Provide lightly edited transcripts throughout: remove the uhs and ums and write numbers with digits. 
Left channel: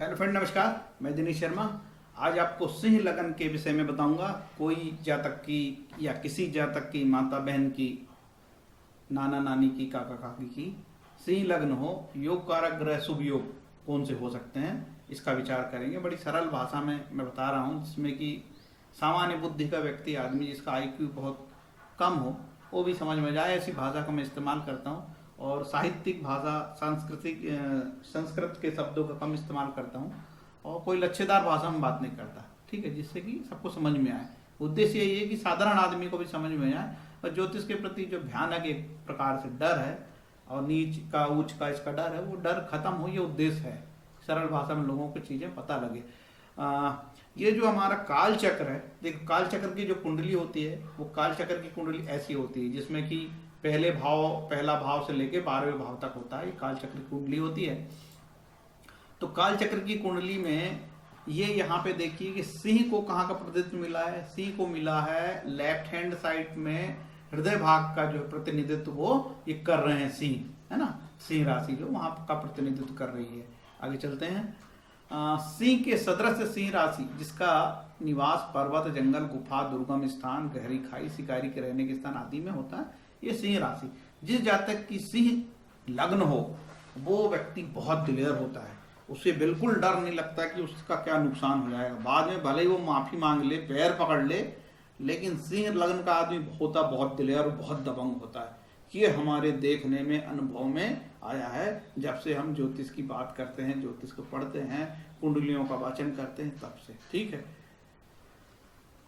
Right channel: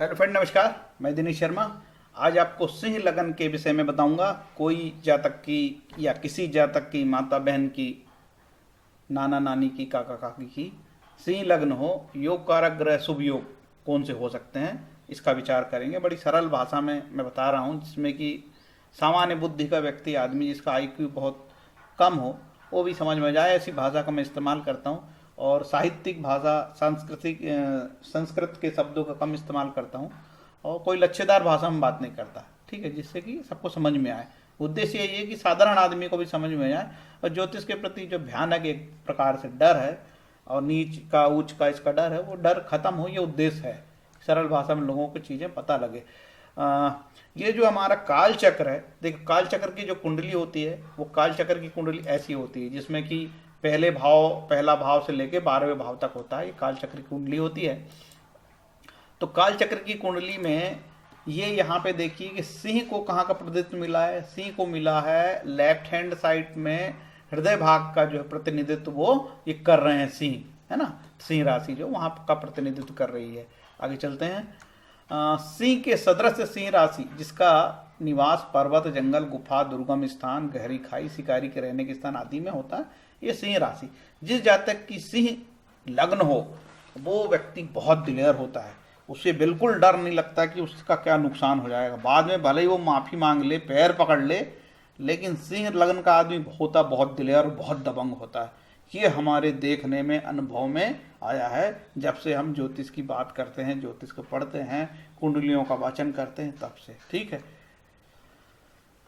Hello friend, नमस्कार। मैं दिनेश शर्मा। आज आपको सिंह लगन के विषय में बताऊंगा। कोई जातक की या किसी जातक की माता बहन की, नाना नानी की, काका काकी की सिंह लग्न हो, योग कारक ग्रह शुभ योग कौन से हो सकते हैं, इसका विचार करेंगे। बड़ी सरल भाषा में मैं बता रहा हूँ, जिसमें कि सामान्य बुद्धि का व्यक्ति, आदमी जिसका आईक्यू बहुत कम हो, वो भी समझ में जाए, ऐसी भाषा का मैं इस्तेमाल करता हूँ। और साहित्यिक भाषा, संस्कृत के शब्दों का कम इस्तेमाल करता हूँ, और कोई लच्छेदार भाषा में बात नहीं करता, ठीक है, जिससे कि सबको समझ में आए। उद्देश्य यही है कि साधारण आदमी को भी समझ में आए, और ज्योतिष के प्रति जो भयानक एक प्रकार से डर है, और नीच का ऊंच का इसका डर है, वो डर खत्म हो, ये उद्देश्य है। सरल भाषा में लोगों को चीज़ें पता लगे। ये जो हमारा काल चक्र है, देखो काल चक्र की जो कुंडली होती है, वो काल चक्र की कुंडली ऐसी होती है जिसमें कि पहला भाव से लेके 12वें भाव तक होता है। ये काल चक्र की कुंडली होती है। तो काल चक्र की कुंडली में ये यहाँ पे देखिए कि सिंह को कहाँ का प्रतिनिधित्व मिला है। सिंह को मिला है लेफ्ट हैंड साइड में, हृदय भाग का जो प्रतिनिधित्व वो ये कर रहे हैं सिंह, है ना। सिंह राशि जो वहाँ का प्रतिनिधित्व कर रही है। आगे चलते हैं। सिंह के सदृश सिंह राशि, जिसका निवास पर्वत, जंगल, गुफा, दुर्गम स्थान, गहरी खाई, शिकारी के रहने के स्थान आदि में होता है, ये सिंह राशि। जिस जातक की सिंह लग्न हो, वो व्यक्ति बहुत दिलेर होता है। उसे बिल्कुल डर नहीं लगता कि उसका क्या नुकसान हो जाएगा। बाद में भले ही वो माफ़ी मांग ले, पैर पकड़ ले, लेकिन सिंह लग्न का आदमी होता बहुत दिलेर और बहुत दबंग होता है। ये हमारे देखने में, अनुभव में आया है। जब से हम ज्योतिष की बात करते हैं, ज्योतिष को पढ़ते हैं, कुंडलियों का वाचन करते हैं, तब से, ठीक है।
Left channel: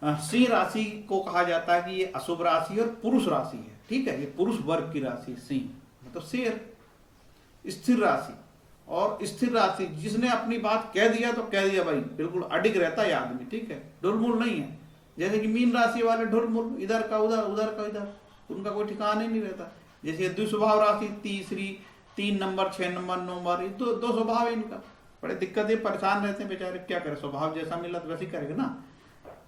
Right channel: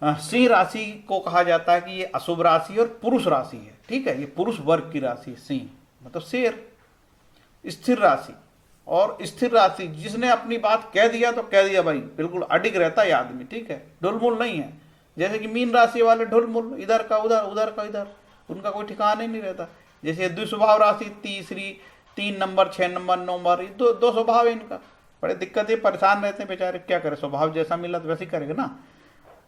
सिंह राशि को कहा जाता है कि ये अशुभ राशि और पुरुष राशि है, ठीक है। ये पुरुष वर्ग की राशि है। सिंह मतलब शेर, स्थिर राशि। और स्थिर राशि, जिसने अपनी बात कह दिया तो कह दिया भाई, बिल्कुल अडिग रहता है आदमी, ठीक है, ढुलमुल नहीं है। जैसे कि मीन राशि वाले ढुलमुल, इधर का उधर, उधर का इधर, उनका कोई ठिकाना ही नहीं रहता। जैसे द्विस्वभाव राशि, तीसरी, 3 नंबर, 6 नंबर, 9 नंबर, दो स्वभाव है इनका। बड़े दिक्कतें, परेशान रहते हैं बेचारे, क्या करे, स्वभाव जैसा मिला तो वैसे ही करेगा ना।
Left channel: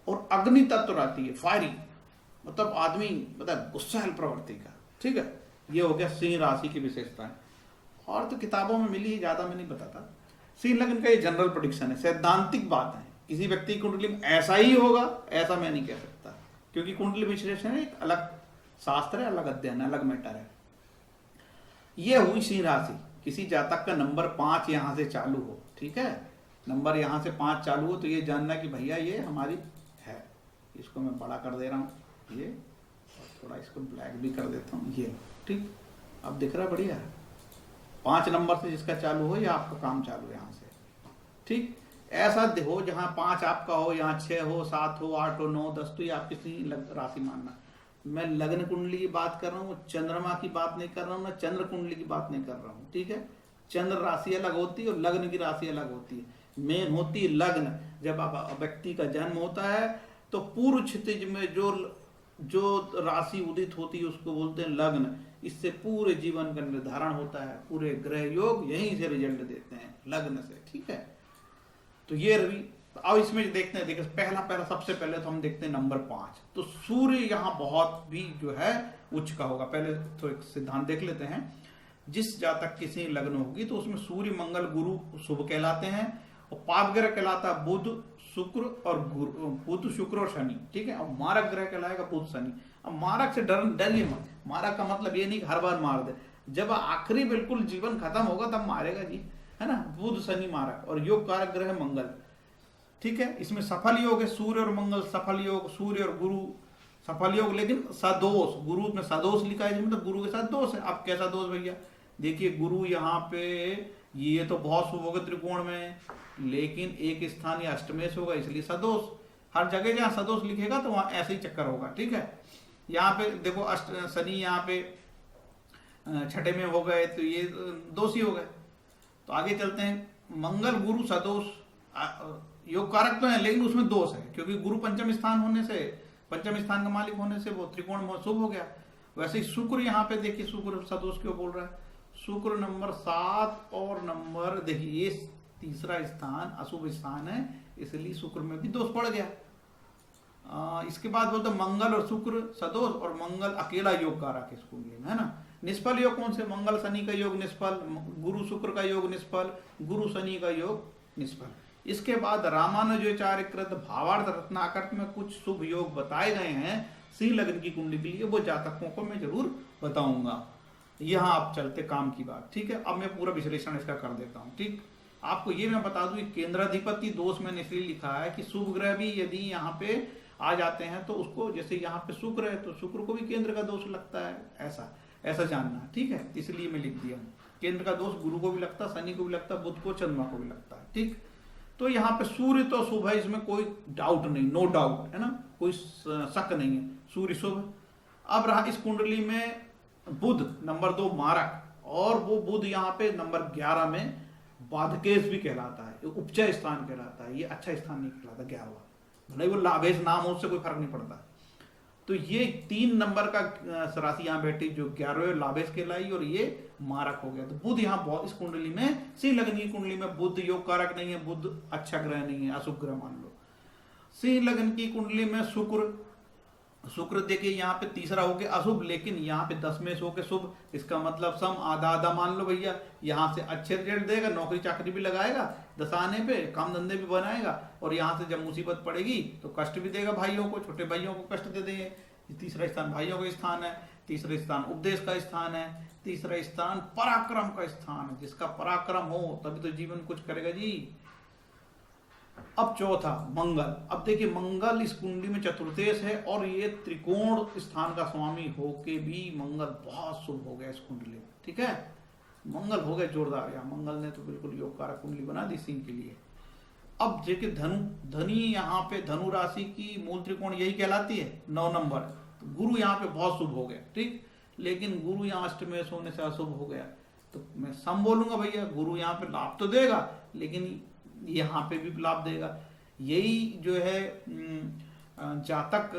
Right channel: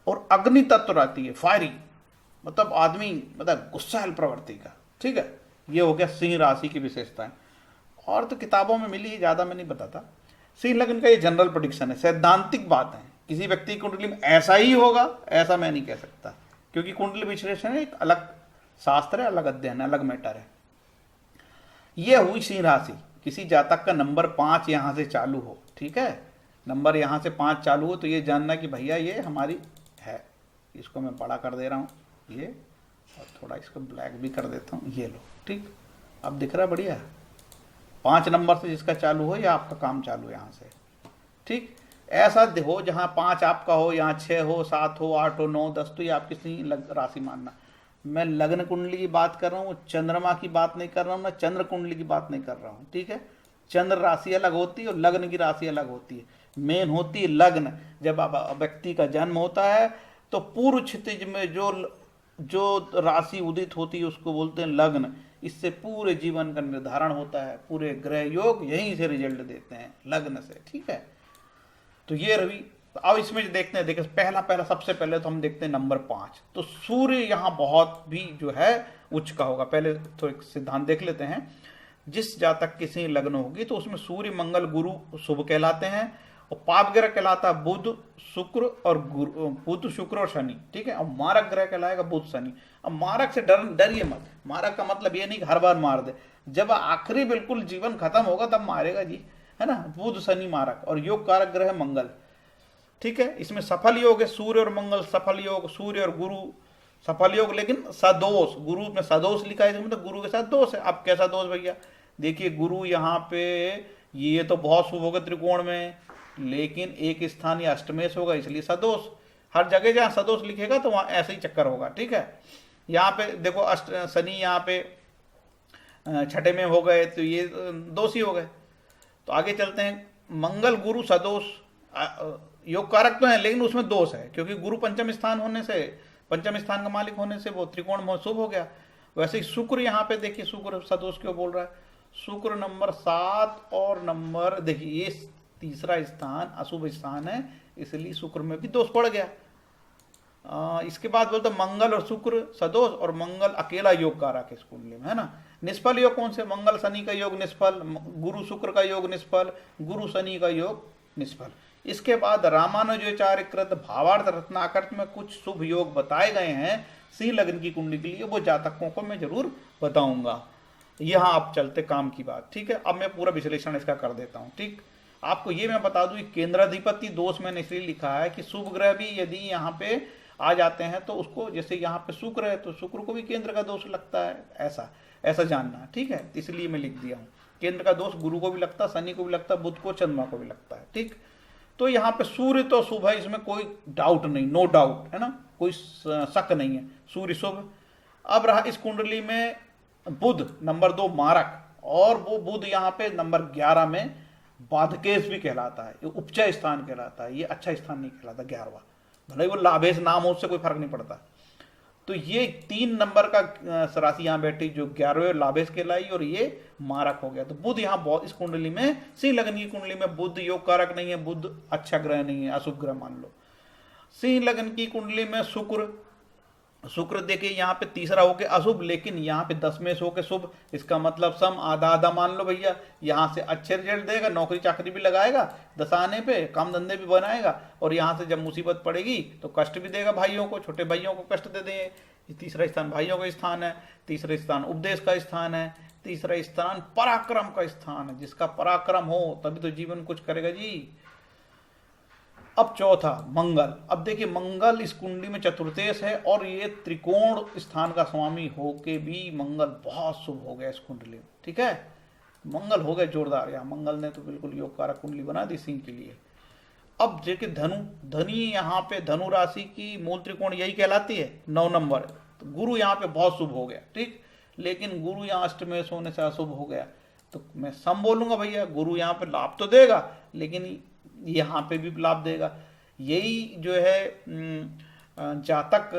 और अग्नि तत्व रहती है, फायरी, मतलब आदमी मतलब गुस्सैल प्रवृत्ति का, ठीक है। ये हो गया सिंह राशि की विशेषताएं। और तो किताबों में मिली, ज़्यादा मैं नहीं बताता। सिंह लग्न का ये जनरल प्रेडिक्शन है, सैद्धांतिक बात है। किसी व्यक्ति की कुंडली में ऐसा ही होगा, ऐसा मैं नहीं कह सकता, क्योंकि कुंडली विश्लेषण एक अलग शास्त्र है, अलग अध्ययन है, अलग मैटर है। ये हुई सिंह राशि। किसी जातक का नंबर 5 यहाँ से चालू हो, ठीक है, नंबर यहाँ से 5 चालू हो, तो ये जानना कि भैया ये हमारी है। इसको मैं बड़ा कर दे रहा हूँ, ये, और थोड़ा इसको ब्लैक भी कर देता हूँ, ये लो, ठीक। अब दिख रहा है, बढ़िया है। 5 नंबर से जिसका चालू हो, या आपका काम चालू है यहाँ से, ठीक। ऐसा हो जहाँ 5 आपका हो, यहाँ 6 हो, 7 हो, 8 हो, 9, 10, तो ये आपकी सिंह राशि मानना। मैं लग्न कुंडली की बात कर रहा हूँ, चंद्रमा की बात नहीं कर रहा हूँ, मैं चंद्र कुंडली की बात नहीं कर रहा हूँ, ठीक है। चंद्र राशि अलग होती है और लग्न की राशि अलग होती है। मेन होती है लग्न। जब व्यक्ति का जन्म होता है तो पूर्व क्षितिज में जो राशि उदित होती है उसको बोलते हैं लग्न। इससे पूरे जीवन का निर्धारण होता है, पूरे ग्रह योग यहीं से रिजल्ट देते हैं, लग्न से, ठीक है। तो ये रवि। अब इसमें देखते हैं, देखिए पहला सबसे पहले तो हम देखते हैं नंबर 5। तो सूर्य यहाँ बहुत भी जो है उच्च का होगा। पहले तो एक सिद्धांत देख लेते हैं। जिस जातक की सिंह लग्न होगी तो उसमें सूर्य, मंगल, गुरु शुभ कहलाते हैं, और पाप ग्रह कहलाता है बुध, शुक्र और बुध, शुक्र और शनि, ठीक है। अब मारक ग्रह कहलाएगा बुध, शनि। अब मारक से डरिए मत। मारक का मतलब ये नहीं कि हर बार मार दे, जब आखिरी बिल्कुल जीवन खत्म होगा तब मारेगा जी, है ना। बुध, शनि, मारक। और योग कारक ग्रह मंगल, ठीक है। इसमें सफल योग है, सूर्य और मंगल सफल योग, सूर्य और गुरु सफल योग, लेकिन सदोष, गुरु में सदोष लिखा है, मतलब गुरु के साथ दोष है। अब कैसा दोष भैया, देखिए गुरु यहाँ पे ये तो बहुत शुभ होगा त्रिकोण में, लेकिन एक स्थान या अष्टमेश होगा, इसलिए सदोष। हर जगह जहाँ सदोष लिखेगा तो वहाँ ऐसे ही चक्कर होगा, ठीक है। यहाँ पे देखो शनि यहाँ पे 6ठे में हो गए, तो ये दोष ही हो गए। तो आगे चलते हैं। मंगल, गुरु सदोष योग कारक तो है, लेकिन उसमें दोष है, क्योंकि गुरु पंचम स्थान होने से, पंचम स्थान का मालिक होने से वो त्रिकोण में शुभ हो गया। वैसे ही शुक्र यहाँ पे देखिए, शुक्र सदोष क्यों बोल रहा है। शुक्र नंबर 7 और नंबर, देखिए ये तीसरा स्थान अशुभ स्थान है, इसलिए शुक्र में भी दोष पड़ गया। इसके बाद बोलते मंगल और शुक्र सदोष, और मंगल अकेला योग कारक है इस कुंडली में, है ना। निष्फल योग कौन से, मंगल शनि का योग निष्फल, गुरु शुक्र का योग निष्फल, गुरु शनि का योग निष्फल। इसके बाद रामानुजाचार्यकृत भावार्थ रत्नाकर में कुछ शुभ योग बताए गए हैं सिंह लग्न की कुंडली के लिए, वो जातकों को मैं जरूर बताऊंगा। यहाँ आप चलते काम की बात, ठीक है। अब मैं पूरा विश्लेषण इसका कर देता हूँ, ठीक। आपको ये मैं बता दूं, केंद्राधिपति दोष मैंने इसलिए लिखा है कि शुभ ग्रह भी यदि यहाँ पे आ जाते हैं तो उसको, जैसे यहाँ पे शुक्र है तो शुक्र को भी केंद्र का दोष लगता है, ऐसा ऐसा जानना, ठीक है। इसलिए मैं लिख दिया हूँ, केंद्र का दोष गुरु को भी लगता, शनि को भी लगता, बुध को, चंद्रमा को भी लगता है, ठीक। तो यहाँ पे सूर्य तो शुभ है, इसमें कोई डाउट नहीं, नो डाउट है ना, कोई शक नहीं है, सूर्य शुभ। अब रहा इस कुंडली में बुध नंबर 2 मारक, और वो बुध यहाँ पे नंबर 11 में बाधकेश भी कहलाता है, उपचय स्थान कहलाता है, ये अच्छा स्थान नहीं कहलाता 11वां, भले वो लाभेश नाम हो उससे कोई फर्क नहीं पड़ता। तो ये 3 नंबर का राशि यहाँ बैठी जो 11वें लाभेश कहलाई, और ये मारक हो गया। तो बुध यहाँ बहुत, इस कुंडली में सिंह लग्न की कुंडली में बुध योग कारक नहीं है, बुध अच्छा ग्रह नहीं है, अशुभ ग्रह मान लो। सिंह लग्न की कुंडली में शुक्र देखिए यहाँ पे तीसरा होके अशुभ, लेकिन यहाँ पे 10 में होके शुभ, इसका मतलब सम आधा आधा मान लो भैया। यहाँ से अच्छे रिजल्ट देगा, नौकरी चाकरी भी लगाएगा दशा आने पे, काम धंधे भी बनाएगा, और यहाँ से जब मुसीबत पड़ेगी तो कष्ट भी देगा भाइयों को, छोटे भाइयों को कष्ट दे देंगे। तीसरा स्थान भाइयों का स्थान है, तीसरा स्थान उपदेश का स्थान है, तीसरा स्थान पराक्रम का स्थान है। जिसका पराक्रम हो तभी तो जीवन कुछ करेगा जी। अब चौथा मंगल। अब देखिए मंगल इस कुंडली में चतुर्थेश है, और ये त्रिकोण स्थान का स्वामी होके भी मंगल बहुत शुभ हो गया इस कुंडली में, ठीक है। मंगल हो गए जोरदार, यहाँ मंगल ने तो बिल्कुल योग कारक कुंडली बना दी सिंह के लिए। अब देखिए धनी यहाँ पे धनु राशि की मूल त्रिकोण यही कहलाती है, 9 नंबर। तो गुरु यहाँ पे बहुत शुभ हो गया, ठीक। लेकिन गुरु यहाँ अष्टमेश होने से अशुभ हो गया, तो मैं सम बोलूंगा भैया, गुरु यहाँ पे लाभ तो देगा लेकिन यहाँ पे भी लाभ देगा। यही जो है जातक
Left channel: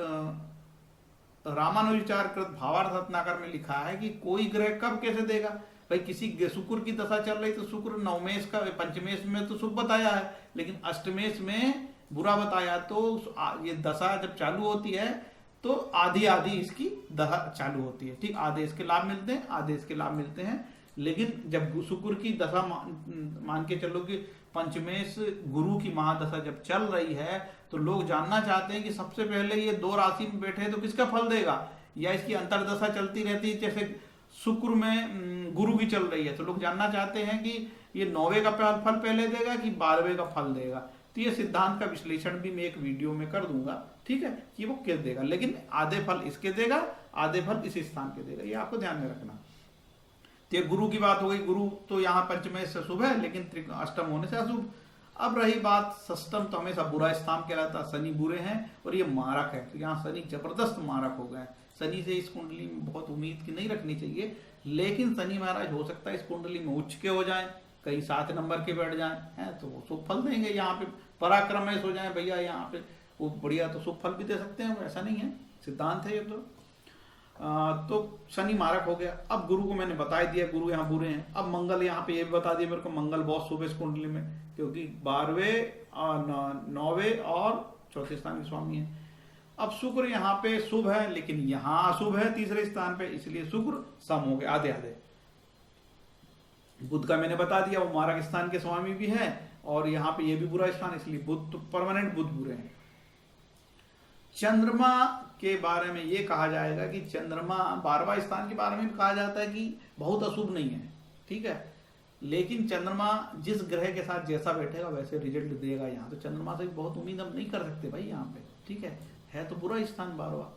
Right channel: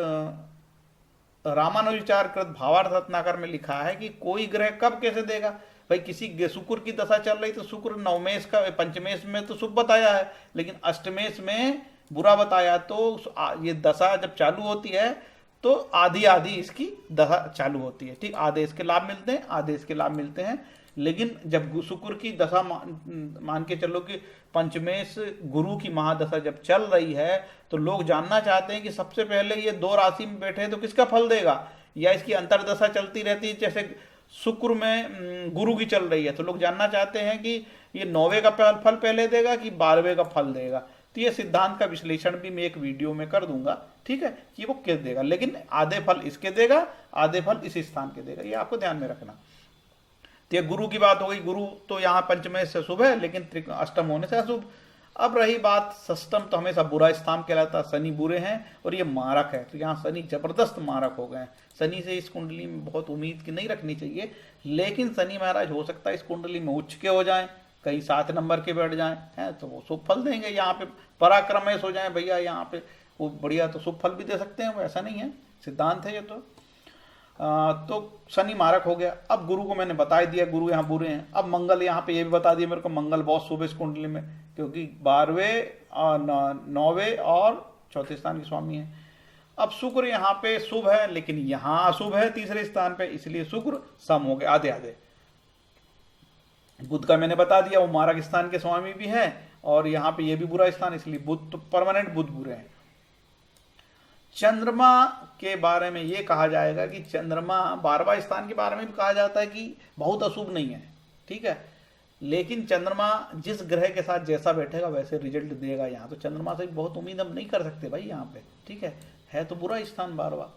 रामानुजाचार्यकृत भावार्थ रत्नाकर में लिखा है कि कोई ग्रह कब कैसे देगा। भाई किसी शुक्र की दशा चल रही तो शुक्र नवमेश का पंचमेश में तो शुभ बताया है, लेकिन अष्टमेश में बुरा बताया। तो ये दशा जब चालू होती है तो आधी आधी इसकी दशा चालू होती है, ठीक। आधे इसके लाभ मिलते हैं, आधे इसके लाभ मिलते हैं। लेकिन जब शुक्र की दशा मान के चलो कि पंचमेश गुरु की महादशा जब चल रही है, तो लोग जानना चाहते हैं कि सबसे पहले ये 2 राशि में बैठे तो किसका फल देगा, या इसकी अंतरदशा चलती रहती है। जैसे शुक्र में गुरु की चल रही है तो लोग जानना चाहते हैं कि ये 9वें का फल पहले देगा कि 12वें का फल देगा। तो ये सिद्धांत का विश्लेषण भी मैं एक वीडियो में कर दूंगा, ठीक है, कि वो किस देगा। लेकिन आधे फल इसके देगा, आधे फल इस स्थान के देगा, ये आपको ध्यान में रखना। तो ये गुरु की बात हो गई। गुरु तो यहाँ पंचमेश से शुभ है, लेकिन अष्टम होने से अशुभ। अब रही बात षष्टम, तो हमेशा बुरा स्थान कहलाता, शनि बुरे हैं और ये मारक है, तो यहाँ शनि जबरदस्त मारक हो गए। शनि से इस कुंडली में बहुत उम्मीद की नहीं रखनी चाहिए, लेकिन शनि महाराज हो सकता है इस कुंडली में उच्च के हो जाएं, कहीं 7 नंबर के बैठ जाएं, हैं तो वो शुभ फल देंगे। यहाँ पे पराक्रमेश हो जाए भैया, यहाँ पे वो बढ़िया तो शुभ फल भी दे सकते हैं, वो ऐसा नहीं है, सिद्धांत है ये तो शनि मारक हो गया। अब गुरु को मैंने बता दिया, गुरु यहाँ बुरे हैं। अब मंगल यहाँ पे ये भी बता दिया मेरे को, मंगल बहुत शुभ है इस कुंडली में, क्योंकि 12वें और 9वें और चौथे स्थान के स्वामी है। अब शुक्र यहाँ पे शुभ है, लेकिन यहाँ अशुभ है तीसरे स्थान पे, इसलिए शुक्र सम हो गए आधे आधे। बुध का मैंने बता दिया, वो मारक स्थान के स्वामी भी है, और यहाँ पे ये भी बुरा स्थान, इसलिए बुध तो परमानेंट बुध बुरे हैं। चंद्रमा के बारे में ये कहा जाएगा कि चंद्रमा 12वां स्थान के बारे में भी कहा जाता है कि बहुत अशुभ नहीं है, ठीक है। लेकिन चंद्रमा जिस ग्रह के साथ जैसा बैठेगा वैसे रिजल्ट देगा। यहाँ तो चंद्रमा से बहुत उम्मीद हम नहीं कर सकते भाई यहाँ पे, ठीक है तो बुरा स्थान 12वां।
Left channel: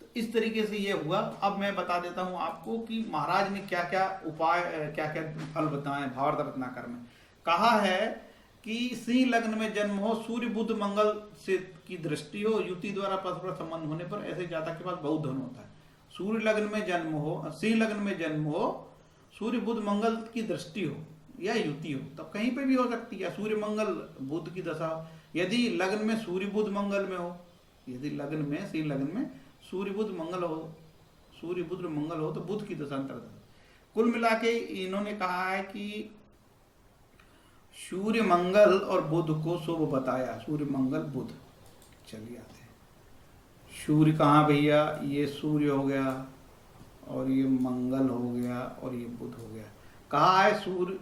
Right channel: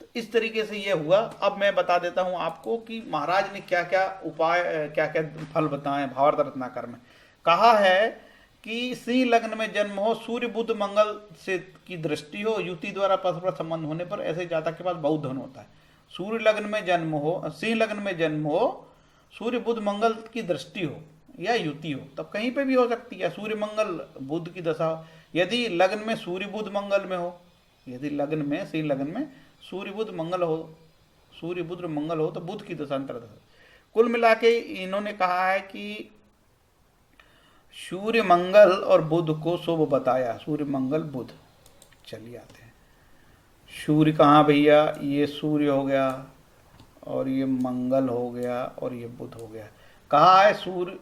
तो इस तरीके से ये हुआ। अब मैं बता देता हूँ आपको कि महाराज ने क्या क्या उपाय, क्या क्या फल बताए भावार्थ रत्नाकर में। कहा है कि सिंह लग्न में जन्म हो, सूर्य बुध मंगल से की दृष्टि हो, युति द्वारा परस्पर संबंध होने पर ऐसे जातक के पास बहुत धन होता है। सूर्य लग्न में जन्म हो, सिंह लग्न में जन्म हो, सूर्य बुध मंगल की दृष्टि हो या युति हो, तब कहीं पे भी हो सकती है। सूर्य मंगल बुध की दशा हो, यदि लग्न में सूर्य बुध मंगल में हो, यदि लग्न में सिंह लग्न में सूर्य बुध मंगल हो, सूर्य बुध मंगल हो तो बुध की दशा अंतर्दशा। कुल मिला के इन्होंने कहा है कि सूर्य मंगल और बुध को शुभ बताया, सूर्य मंगल बुध। चलिए आते हैं, सूर्य कहाँ भैया, ये सूर्य हो गया और ये मंगल हो गया और ये बुध हो गया। कहा है सूर्य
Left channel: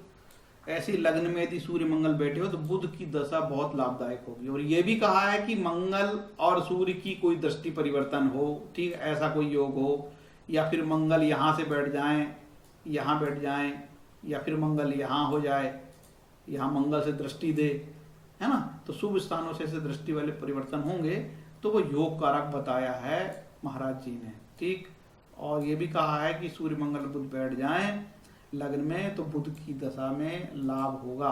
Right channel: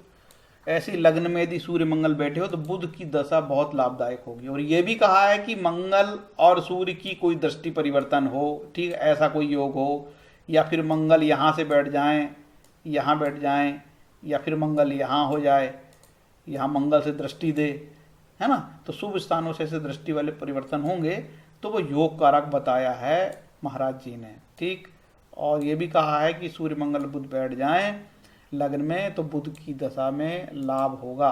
ऐसी लग्न में यदि सूर्य मंगल बैठे हो तो बुध की दशा बहुत लाभदायक होगी। और ये भी कहा है कि मंगल और सूर्य की कोई दृष्टि परिवर्तन हो, ठीक, ऐसा कोई योग हो, या फिर मंगल यहाँ से बैठ जाएं, यहाँ बैठ जाएं, या फिर मंगल यहाँ हो जाए, यहाँ मंगल से दृष्टि दे, है ना, तो शुभ स्थानों से ऐसे दृष्टि वाले परिवर्तन होंगे तो वो योग कारक बताया है महाराज जी ने, ठीक। और ये भी कहा है कि सूर्य मंगल बुध बैठ जाएं लग्न में तो बुध की दशा में लाभ होगा।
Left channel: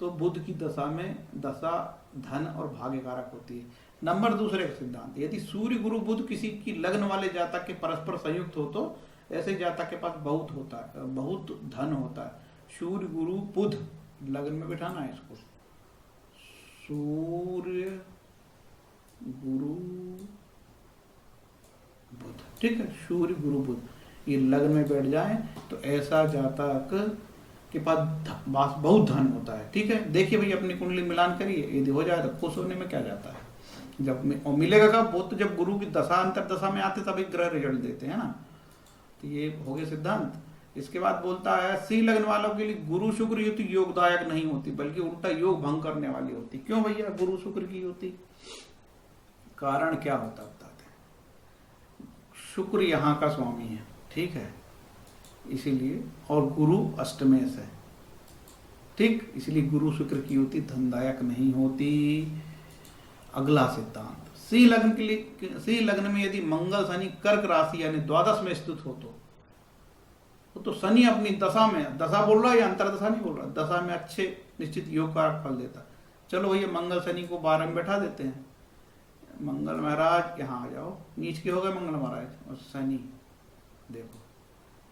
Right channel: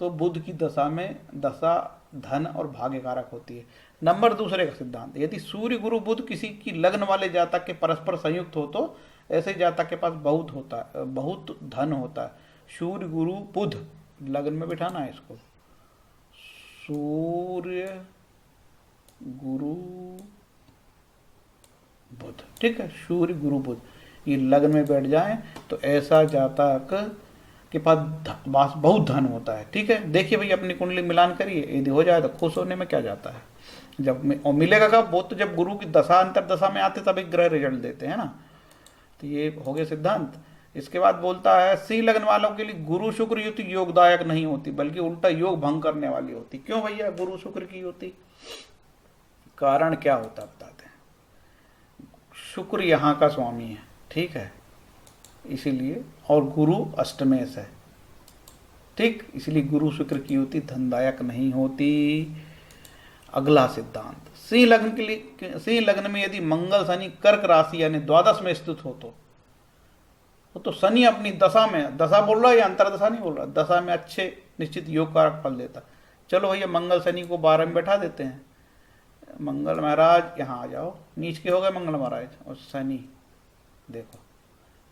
तो बुध की दशा में दशा धन और भाग्य कारक होती है। नंबर दूसरे का सिद्धांत, यदि सूर्य गुरु बुध किसी की लग्न वाले जातक के परस्पर संयुक्त हो तो ऐसे जातक के पास बहुत होता है, बहुत धन होता है। सूर्य गुरु बुध लग्न में बिठाना है इसको, सूर्य गुरु बुध, ठीक है, सूर्य गुरु बुध ये लग्न में बैठ जाए तो ऐसा जातक के पास बहुत धन होता है, ठीक है। देखिए भाई अपनी कुंडली मिलान करिए, यदि हो जाए तो खुश होने में क्या जाता है। जब और मिलेगा कब, वो तो जब गुरु की दशा अंतर दशा में आते तब एक ग्रह रिजल्ट देते हैं ना। तो ये हो गए सिद्धांत। इसके बाद बोलता है सिंह लग्न वालों के लिए गुरु शुक्र युति योगदायक नहीं होती बल्कि उल्टा योग भंग करने वाली होती। क्यों भैया गुरु शुक्र की युति, कारण क्या होता बताते हैं। शुक्र यहाँ का स्वामी है, ठीक है, इसीलिए, और गुरु अष्टमेश है, ठीक, इसलिए गुरु शुक्र की युति धनदायक नहीं होती। अगला सिद्धांत, सिंह लग्न के लिए, सिंह लग्न में यदि मंगल शनि कर्क राशि यानी द्वादश में स्थित हो तो शनि अपनी दशा में, दशा बोल रहा है या अंतरदशा नहीं बोल रहा, दशा में अच्छे निश्चित योग कारक फल देता। चलो भैया मंगल शनि को 12 में बैठा देते हैं। मंगल महाराज यहाँ आ जाओ, नीच के हो गए मंगल महाराज और शनि देखो,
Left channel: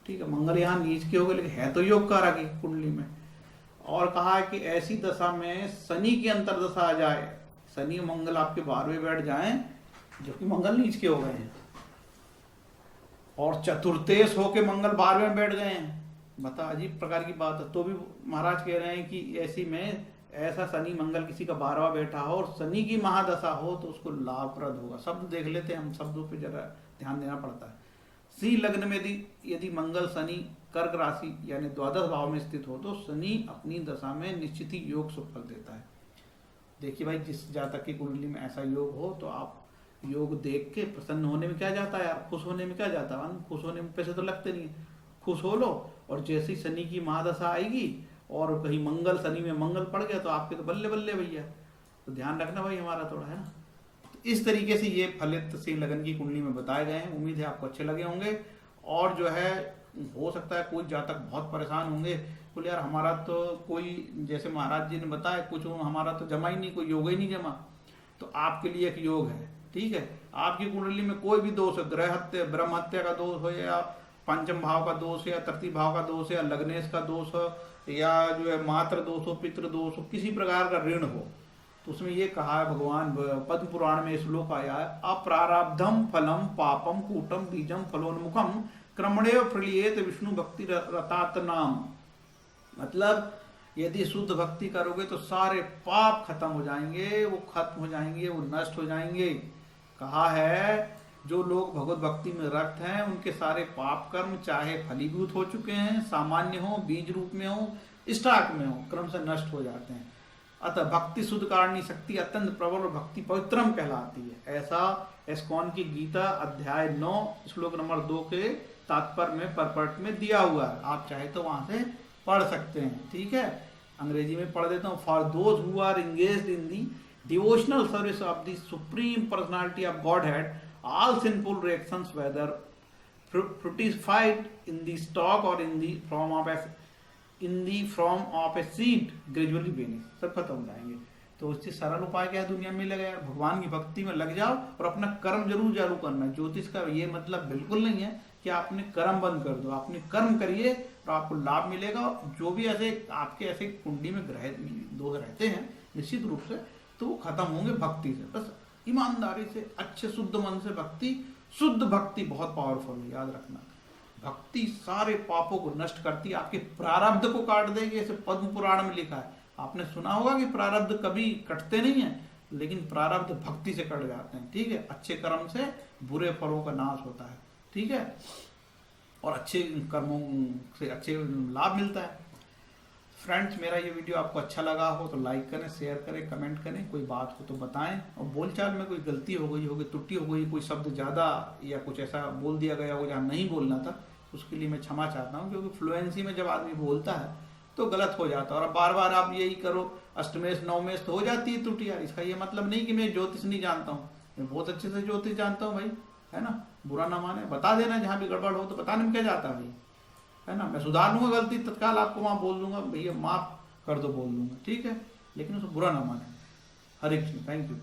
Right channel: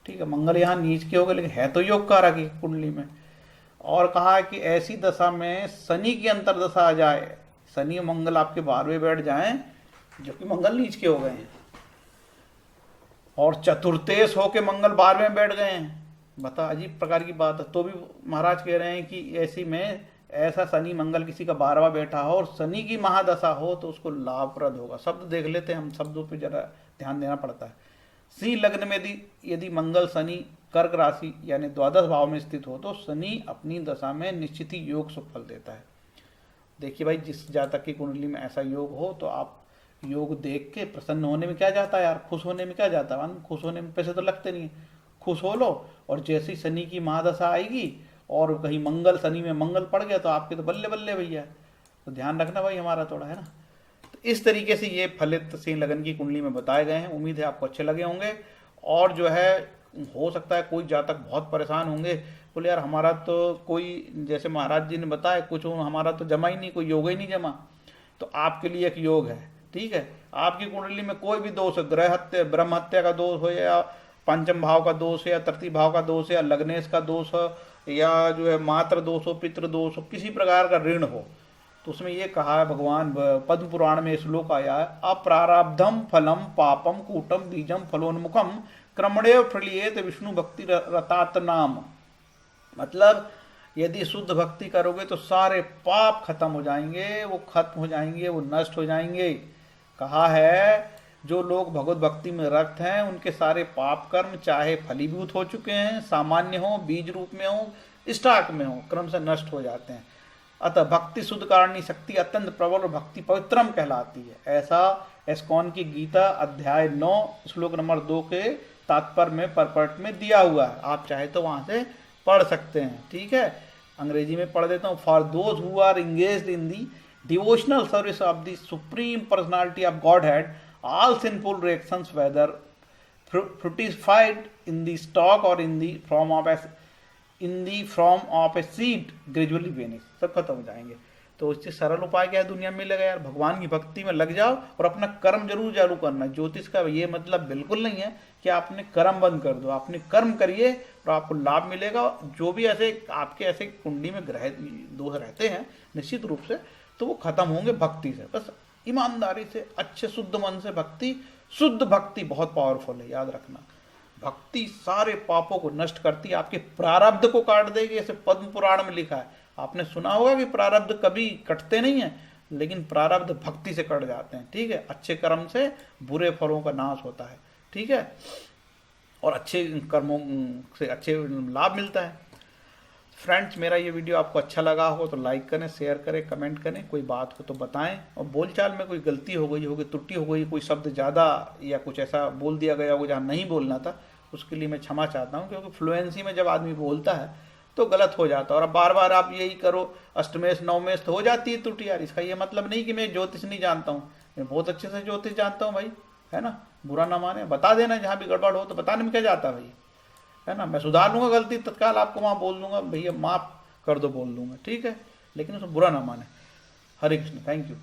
ठीक है, मंगल यहाँ नीच के हो गए लेकिन है तो योग कारक है कुंडली में। और कहा कि ऐसी दशा में शनि की अंतरदशा आ जाए, शनि मंगल आपके 12वें बैठ जाएं जबकि मंगल नीच के हो गए हैं, और चतुर्थेश होके मंगल 12वें बैठ गए हैं, बता अजीब प्रकार की बात है। तो भी महाराज कह रहे हैं कि ऐसी में ऐसा शनि मंगल किसी का 12वां बैठा हो और शनि की महादशा हो तो उसको लाभप्रद होगा। शब्द देख लेते हैं हम, शब्दों पे जरा ध्यान देना पड़ता है। सिंह लग्न में यदि मंगल शनि कर्क राशि यानी द्वादश भाव में स्थित हो तो शनि अपनी दशा में निश्चित ही योग सुफल देता है। देखिए भाई जिस जातक की कुंडली में ऐसा योग हो तो आप योग देख के प्रसन्न होने में क्या जाता है यार, खुश होने में क्या जाता है, खुश होने में पैसे तो लगते नहीं, खुश हो लो। और जैसे ही शनि की महादशा आएगी और कहीं मंगल शनि में मंगल पड़ गया तो आपके तो बल्ले बल्ले भैया। तो ध्यान रखना भाई हमारा थोड़ा, है ना। तो इस तरीके से ये फलित सिंह लगन की कुंडली में बताए गए हैं। उम्मीद है आपको अच्छे लगे होंगे। और जो है हो सकता है कोई जातक बहुत परेशान होंगे, बोले यार हमारा तो कोई, जैसे महाराज जी ने बताया कुछ हमारा तो जमा ही नहीं, कोई योग ही नहीं जमा। तो आपके लिए एक योग है, ठीक है। आपकी कुंडली में कोई भी दोष है, ग्रह हत्या ब्रह्म हत्या का दोष हो या पंचम भाव का दोष है या तृतीय भाव का दोष है या लग्नेश का दोष हो या जो है मात्र दोष हो, पितृ दोष हो, किसी प्रकार का ऋण हो, तो उसमें ये कहा है भगवान पद्म पुराण में श्लोक आया है, अप्रारब्धम फलम पापम कूटम बीजम फलोन्मुखम क्रमणेव प्रलियेत विष्णु भक्ति रतात नाम। मतलब यदि शुद्ध भक्ति करोगे तो सारे पाप खत्म हो जाएंगे, वो खत्म हो जाएंगे, वो नष्ट हो जाएंगे। कहा है जो लोग भगवत भक्ति में रक्त हैं उनके सारे पाप कर्म चाहे फलीभूत हो चुके हैं, सामान्य हो, बीज रूप में हो, स्टॉक में हो, क्रम से नष्ट हो जाते हैं। अतः भक्ति शुद्ध कारणी शक्ति अत्यंत प्रबल और भक्ति पवित्रम कहलाती है। ऐसा एस्कॉन की गीता अध्याय 9 श्लोक नंबर 2 के तात्पर्य में परपर्ट में दिया हुआ है। आप चाहे तो वहां से पढ़ सकते हैं, ठीक है। अंग्रेजी में पढ़ देता हूँ। For those who are engaged in the devotional service of the supreme personality of Godhead all sinful reactions whether fructified in the stalk or in the form of a seed gradually vanish, सब खत्म हो जाएंगे। तो इससे सरल उपाय क्या है दुनिया में लगा यार, भगवान की भक्ति में लग जाओ और अपना कर्म जरूर चालू करना है। ज्योतिष का ये मतलब बिल्कुल नहीं है कि आपने कर्म बंद कर दो, आपने कर्म करिए तो आपको लाभ मिलेगा। जो भी ऐसे आपके ऐसे कुंडली में ग्रह दोष रहते हैं निश्चित रूप से तो वो खत्म होंगे भक्ति से। बस ईमानदारी से अच्छे शुद्ध मन से भक्ति, शुद्ध भक्ति बहुत पावरफुल है, याद रखना। भक्ति सारे पापों को नष्ट करती है, आपके प्रारब्ध को काट देगी। ऐसे पद्म पुराण में लिखा है, आपने सुना होगा कि प्रारब्ध कभी कटते नहीं है, लेकिन प्रारब्ध भक्ति से कट जाते हैं, ठीक है। अच्छे कर्म से बुरे फलों का नाश होता है, ठीक है, और अच्छे कर्मों से अच्छे लाभ मिलता है। फ्रेंड्स, मेरा ये वीडियो आपको अच्छा लगा हो तो लाइक करें, शेयर करें, कमेंट करें, कोई बात हो तो बताएं, और बोलचाल में कोई गलती हो गई होगी, त्रुटि हो गई, कोई शब्द ज़्यादा या कुछ ऐसा बोल दिया गया हो जहाँ नहीं बोलना था, उसके लिए मैं क्षमा चाहता हूँ, क्योंकि फ्लुएंसी में जब आदमी बोलता है तो गलत हो जाता है। और अब बार बार आप यही करो अष्टमेश नवमेश तो हो जाती है त्रुटि यार। इसका ये मतलब नहीं कि मैं ज्योतिष नहीं जानता हूँ, मैं बहुत अच्छे से ज्योतिष जानता हूँ भाई, है ना। बुरा ना माने, बता देना जहाँ भी गड़बड़ हो, तो बताने में क्या जाता है भाई, है ना। मैं सुधार लूंगा गलती, तत्काल आपको वहाँ बोल दूंगा भैया माफ कर दो, बोल दूंगा, ठीक है, लेकिन उसको बुरा ना माने। हरे कृष्ण, थैंक यू।